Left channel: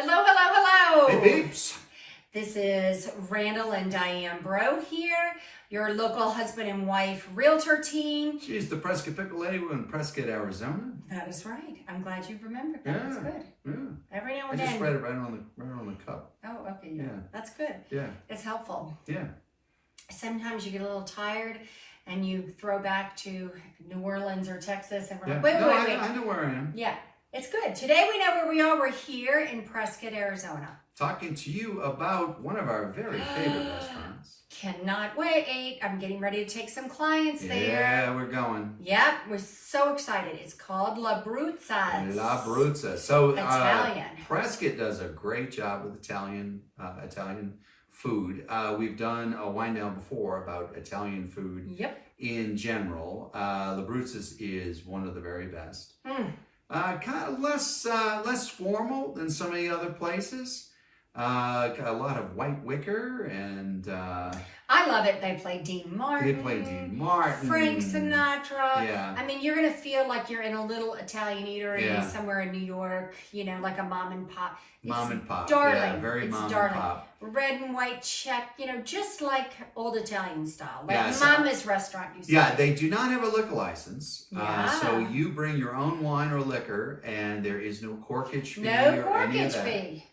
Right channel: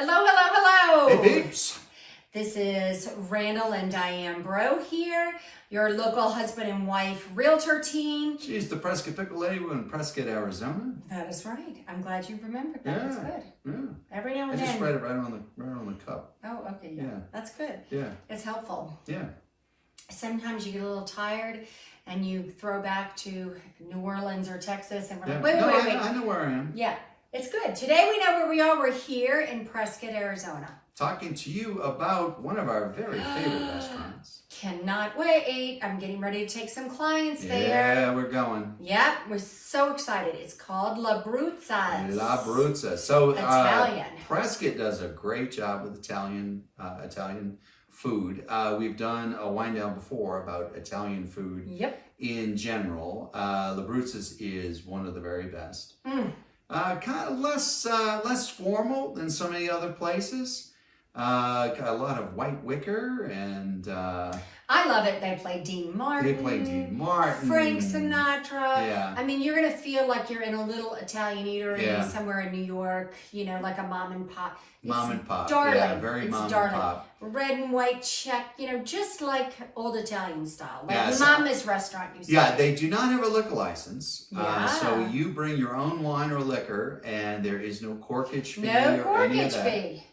Hello, hello, hello. Hey, peeps. This is Randall and Diane Bro here, your local husband and wife realtor team. She's the Prescott Pickle lady. We're in Prescott, Arizona. That is right. I'm glad you remembered that. That's good. Yeah. Every now I and just then. read it right on the cup. Oh, okay. Yeah. Yeah. That's good. Yeah. It's helpful. Yeah. Sometimes you get a little tired and you throw back to New Orleans or Texas and we're like, Yeah. wait. I know where I am. Yeah. It's good. Today we know where we are. We're here in Prescott, Arizona. Talking to you about one of our very favorite restaurants. Cannot wait. I'm getting ready to take some clients there. Yeah, we're going. Yep, we're so excited. It's called La Bruza. La Bruza. So Italian. Prescott does a great job with Italian food. We've done a wind down before about Italian food. Yep. In general, La Bruza's is one of the very best. Mm. Kind of less formal than so many other places. A lot of white wicker and I love it. They play Dean Martin. they play Dean Martin, Frank Sinatra. Yeah. I mean, you're gonna feel like you're in a little Italian eatery Yeah. somewhere in New York. You know, like a mom and pop. Mom and pop. Darling. Yeah, very it's mom darling. and pop. Red and white check. You know, just like old Italian style, like Yeah, so- Mama's restaurant. You Yeah, they do not have a liquor license. Yeah. So you bring your own wine or liquor, and there is no corkage fee No or any of corkage that. fee.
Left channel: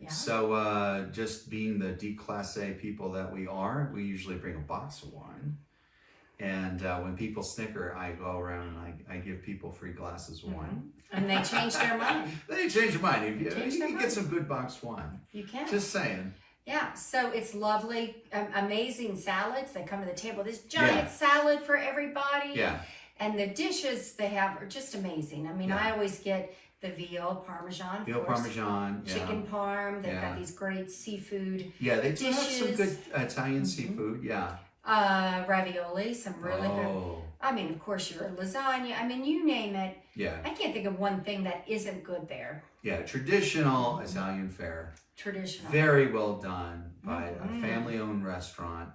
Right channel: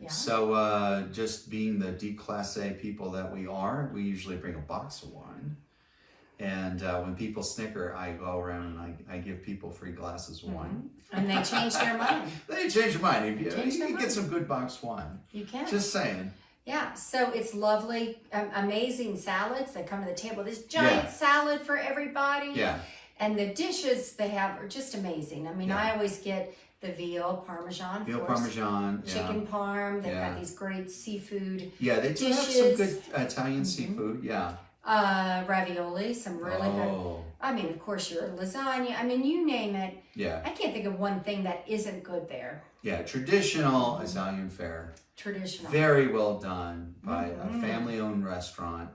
Yeah. So just being the D Class A people that we are, we usually bring a box of wine. And when people snicker, I go around and I give people free glasses of wine. And they change their mind. They change your mind. You Change their can get mind. some good boxed wine. You can. Just saying. Yeah, so it's lovely, amazing salads that come to the table. This giant salad for everybody. Yeah. And the dishes they have are just amazing. I mean, Yeah. I always get the veal parmesan, Veal of course, parmesan. Yeah. chicken parm. They've Yeah. got these great seafood, Yeah, they do have some dishes. good Italian seafood. Yeah. ravioli, some really good. Oh. I mean, of course, your lasagna. I mean, you name it. Yeah. I can't think of one thing that isn't good there. Yeah. Traditional Italian fare. Traditional. Very well done by a Mhm. family-owned restaurant.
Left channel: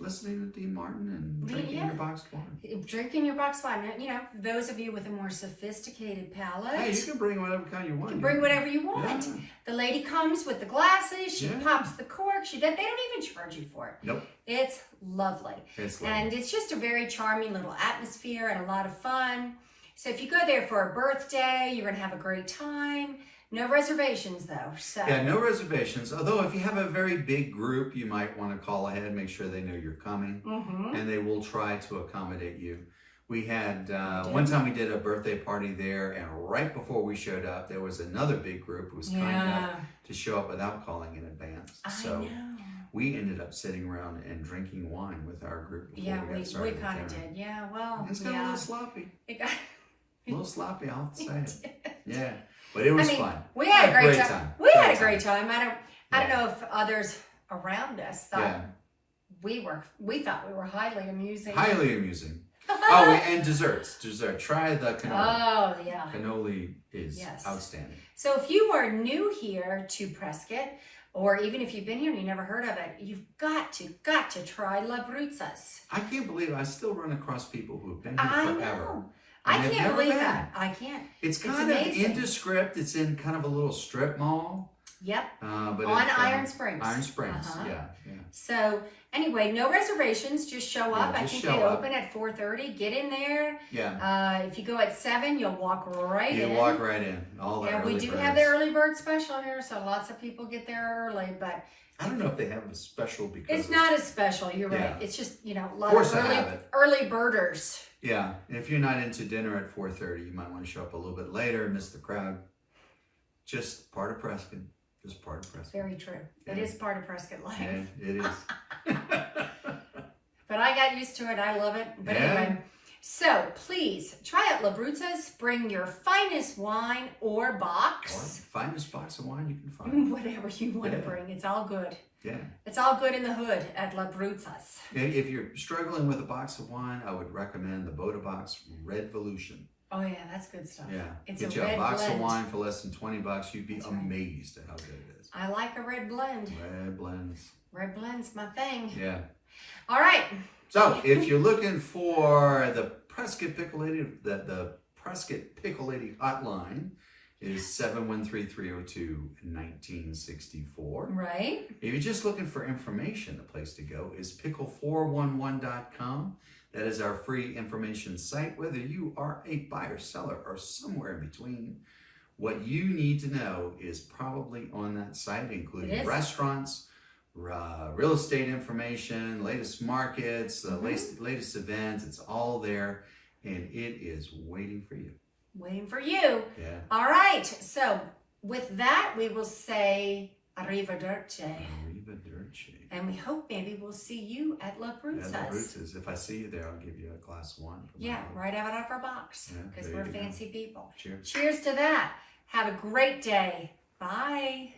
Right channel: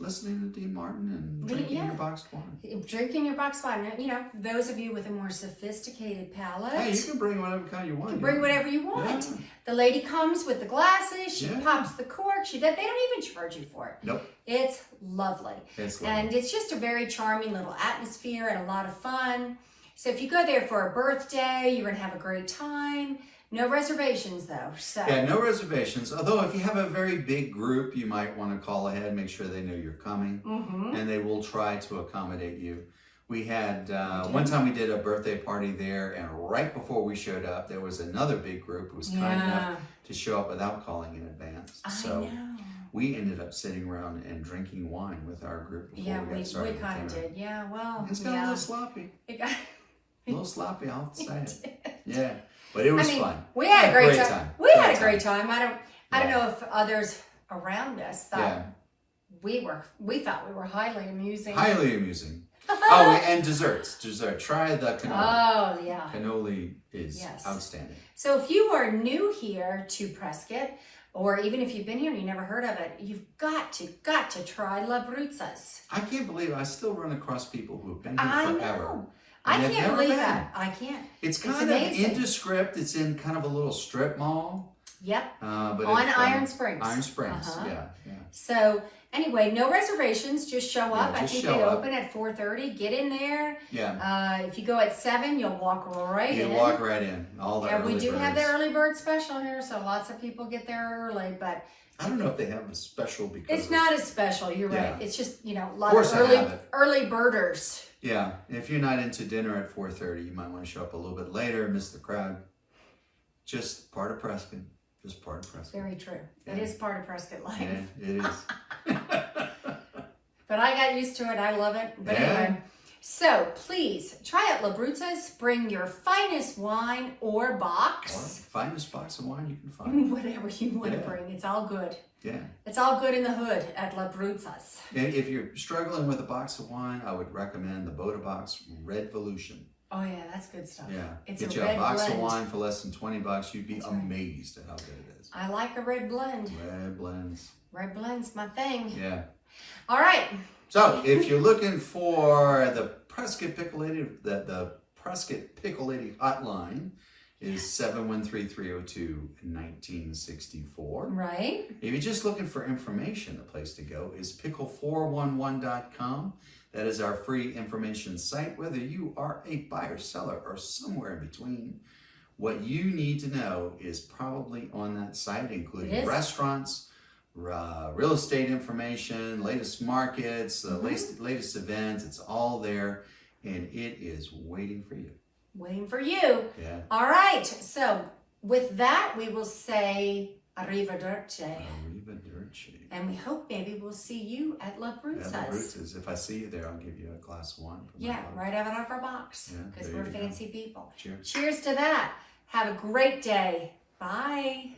Listening to Dean Martin and drinking your boxed wine. Drinking your box wine. You know, those of you with a more sophisticated palate. Hey, you can bring whatever kind you want. You can bring whatever you want. Yeah. The lady comes with the glasses. She Yeah. pops the cork. They don't even charge you for it. Nope. It's lovely. It's lovely. And it's just a very charming little atmosphere and a lot of fun. So if you go there for a birthday, you're going to have a great time. No reservations though. So Yeah, no reservations. Although if you have a very big group, you might want to call ahead, make sure they know you're coming, and they will try to accommodate you. We had, one time we did a birthday party there, and right before we showed up, there was another big group who was kind enough to show up without calling in advance. I know. We ended up sitting around and drinking wine with our group before Yeah, we got we started. with kind of dinner. did. Yeah, well, It's got a little sloppy. It got, A little sloppy, I'll have to say it. Yeah. But it was fun. We had a great time. We had a great time. time. I don't know if others around us thought Yeah. we thought we were highly amusing. Highly amusing. Oh, and desserts. Try the cannoli. Oh, yeah. Cannoli is outstanding. So if you are new here to Prescott, or even if you've been here and you never heard of it, you've got to try La Bruza's. I can't believe I still run across people who have been here forever. Know. I can't believe that. I can't. It's kind of indescript. It's in kind of a little strip mall. Yep. But on Iron Springs. Iron Springs, yeah. So anyway, no reservations. Just show up. I think they open at 4:30. Get in there. Yeah. If you go at 7, you'll walk right in. You walk right in. All the early we do birds. have the early bird special here, so lots of people get there early. But I don't know if they have a special because it's not as special. You're right. It's just a lot of early birders. Yeah, if you're not into dinner at 4:30, you might want to show up a little bit later, miss the crowd. Just part of Prescott. Just part of Prescott. Very true. It is part of Prescott life. Yeah, it is. But I got used to it. I love it. But anyway, so please try out La Bruza's. Bring your finest wine or box. Or finest box of wine you can find. Whatever you want to bring. It's all good. Yeah. It's all good in the hood at La Bruza's. If you're struggling with a box of wine, I would recommend the Boda Box Red Volution. Oh yeah, that's good stuff. Yeah. It's Get a you red a box blend. of wine for less than $20. You'd be That's right. amazed at how good it is. I like a red blend. Red blends. Red blend's my thing. Yeah. All right. So if you're looking for the Prescott Pickle Lady, the Prescott Pickle Lady hotline, is 713-302-1964. Right. If you're just looking for information, the place to go is pickle411.com. That is our free information site. Whether you are a buyer, seller, or somewhere in between, what you need to know is probably on that site, including restaurants, real estate information, latest markets, the latest events. It's all there, and it is waiting for you. Waiting for you. Yeah. All right. So with that, we will say arrivederci. Arrivederci. And we hope maybe we'll see you at La Bruza's. La Bruza's. If I see you there, I'll give you a glass of wine. Yeah, right out of our box, because we're fancy people. Cheers. Cheers to that. Have a great day. Bye.